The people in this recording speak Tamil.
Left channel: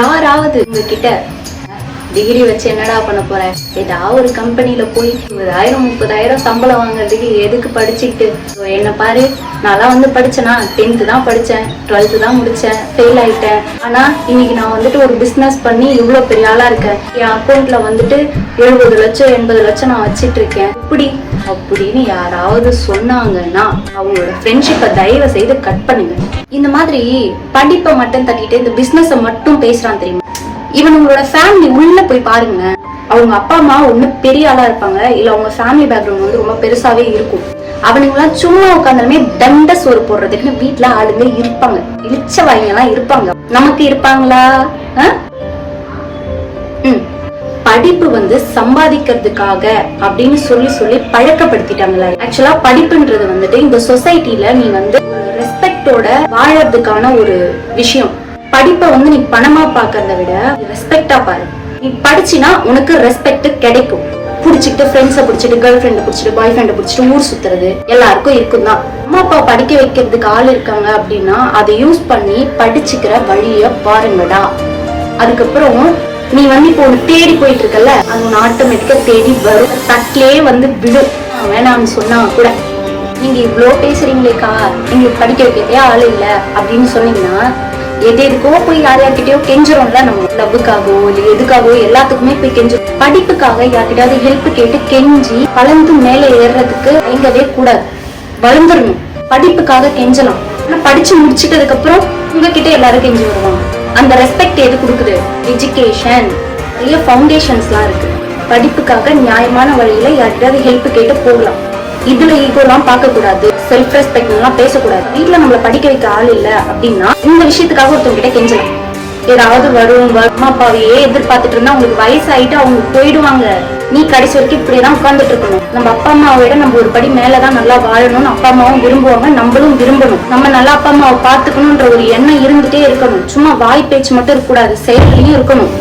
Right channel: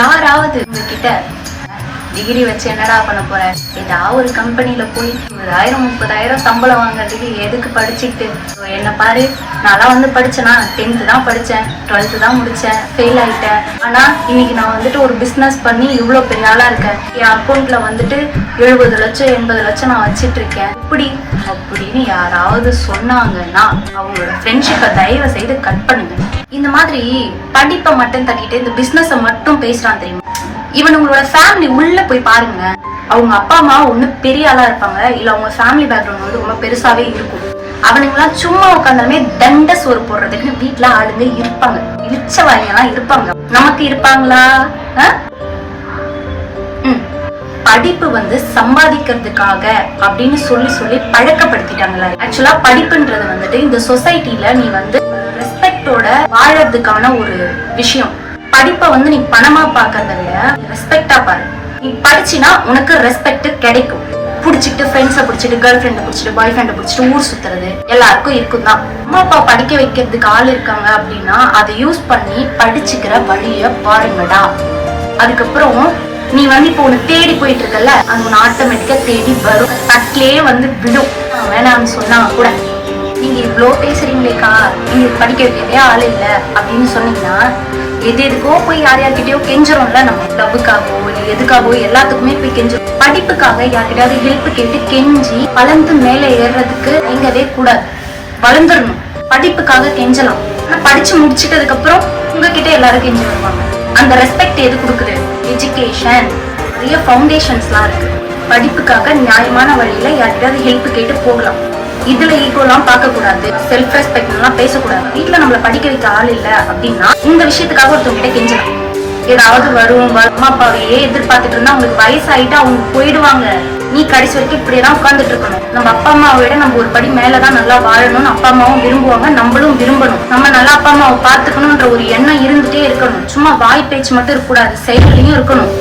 யாராவது உங்ககிட்ட டிகிரி வச்சு என்னடா பண்ண போற, ஏதாவது ஒரு கம்பெனில போய் 20,000-30,000 சம்பளம் வாங்குறதுக்கு எதுக்கு படிச்சுக்கிட்டு, என்ன பாரு நான் வந்து படிச்சேனா 10th தான் படிச்சேன், 12th தான் முடிச்சேன், ஃபெயில் ஆயிட்டேன். ஆனா இன்னைக்கு நான் வந்துட்டு ஒரு பிசினஸ் பண்ணி இவ்வளவு பெரிய ஆளா இருக்கேன், என் அக்கௌண்ட்ல வந்துட்டு 70 லட்சம் 80 லட்சம் நான் வச்சிட்டு இருக்கேன் இப்படி அப்படின்னு யாராவது சொன்னாங்கன்னா அவங்களோட ஃப்ரெண்ட்ஷிப்பை தயவு செய்து கட் பண்ணுங்க. இந்த மாதிரி படிப்பை மட்டும் தட்டிட்டு இந்த பிசினஸ மட்டும் பேசுறான் தெரியுமா, இவனுங்களோட ஃபேமிலி உள்ள போய் பாருங்க. அவங்க அப்பா அம்மா ஒண்ணு பெரிய ஆளா இருப்பாங்க, இல்ல அவங்க ஃபேமிலி பேக்ரவுண்ட் வந்து ரொம்ப பெருசாவே இருக்கும். அவனுங்கெல்லாம் சும்மா உட்காந்தாலுமே தண்ட சோறு போடுறதுக்கு வீட்டுல ஆளுங்க இருப்பாங்க, இழிச்ச வாய்ங்கெல்லாம் இருப்பாங்க. நமக்கு இருப்பாங்களா? படிப்பு வந்து சம்பாதிக்கிறதுக்காக அப்படின்னு சொல்லி சொல்லி பழக்கப்படுத்திட்டாங்களா? ஆக்சுவலா படிப்புன்றது வந்துட்டு இந்த சொசைட்டில நீ வந்து ரெஸ்பெக்டோட வாழறதுக்கான ஒரு விஷயம். படிப்பை வந்து நீ பணமா பாக்கிறத விட ரெஸ்பெக்டா பாரு. நீ படிச்சினா உனக்கு ரெஸ்பெக்ட் கிடைக்கும். புடிச்சிட்டு ஃப்ரெண்ட்ஸை புடிச்சிட்டு கேர்ள் ஃப்ரெண்டை புடிச்சிட்டு பாய் ஃப்ரெண்டை புடிச்சிட்டு ஊர் சுத்துறது எல்லாருக்கும் இருக்கும் தான். அம்மா அப்பா படிக்க வைக்கிறதுக்கு ஆள் இருக்காங்க அப்படின்னா அதை யூஸ் பண்ணி படிச்சுக்கிற வழிய பாருங்கடா. அதுக்கப்புறம் நீ வந்து இப்போ ஒண்ணு தேடி போயிட்டு இருக்கல, அது ஒண்ணு ஆட்டோமேட்டிக்கா தேடி வரும், தட்டிலே வந்து விடும். வேணாம்னு சொன்னா கூட நீங்க இவ்வளவு பேசுறீங்களேக்கா, நீங்க படிக்க வைக்கவே ஆள் இல்ல அப்படின்னு சொன்னீங்கன்னா எது எதுக்கோ போய் யார்கிட்டயோ கெஞ்சிரோம்ல. நம்ம லவ்வுக்காகவோ இல்ல எதுக்காகவோ எல்லாத்துக்குமே போய் கெஞ்சிரும். படிப்புக்காக யார்கிட்டயாவது ஹெல்ப் கேட்டு கெஞ்சி வளர்ந்து மேல ஏறதுக்கு எங்கவே கூடாது, வளர்ந்துடணும். படிப்புக்காக கெஞ்சலாம், ஆனா படிச்சு முடிச்சுட்டதுக்கு அப்புறம் உங்ககிட்ட எல்லாரும் கெஞ்சி வருவாங்க. அந்த ரெஸ்பெக்ட் எது கொடுக்குது? எஜுகேஷன். நிறைய ஃபவுண்டேஷன்ஸ் எல்லாம் இருக்கு. படிப்புக்காக நியாயமான வழியில யார்கிட்டயாவது ஹெல்ப் கேட்டு போகலாம். இதுல ஈகோலாம் பார்க்க கூடாது, செல்ஃப் ரெஸ்பெக்ட் எல்லாம் பேசக்கூடாது. வீட்டுல நம்மள படிக்க வைக்க ஆள் இல்ல அப்படின்னா இந்த விஷயத்துக்காக ஒருத்தவங்க கிட்ட கெஞ்சலாம். ஏதாவது வரும், அம்மா அப்பாவையே எதிர்பார்த்துட்டு இருந்தா அவங்களுக்கு வயசாயிட்டு அவங்க போயிடுவாங்க. நீ கடைசி வரைக்கும் இப்படியெல்லாம் உட்கார்ந்துட்டு இருக்கணும். நம்ம அப்பா அம்மாவை விட நம்ம ஒரு படி மேலதான் நல்லா வாழணும்னு அப்பா அம்மாவும் விரும்புவாங்க, நம்மளும் விரும்பணும். நம்ம நல்லா அப்பா அம்மாவை பாத்துக்கணும்ன்ற ஒரு எண்ணம் இருந்துட்டே இருக்கணும். சும்மா வாய் பேச்சு மட்டும் இருக்கக்கூடாது, செயல்லையும் இருக்கணும்.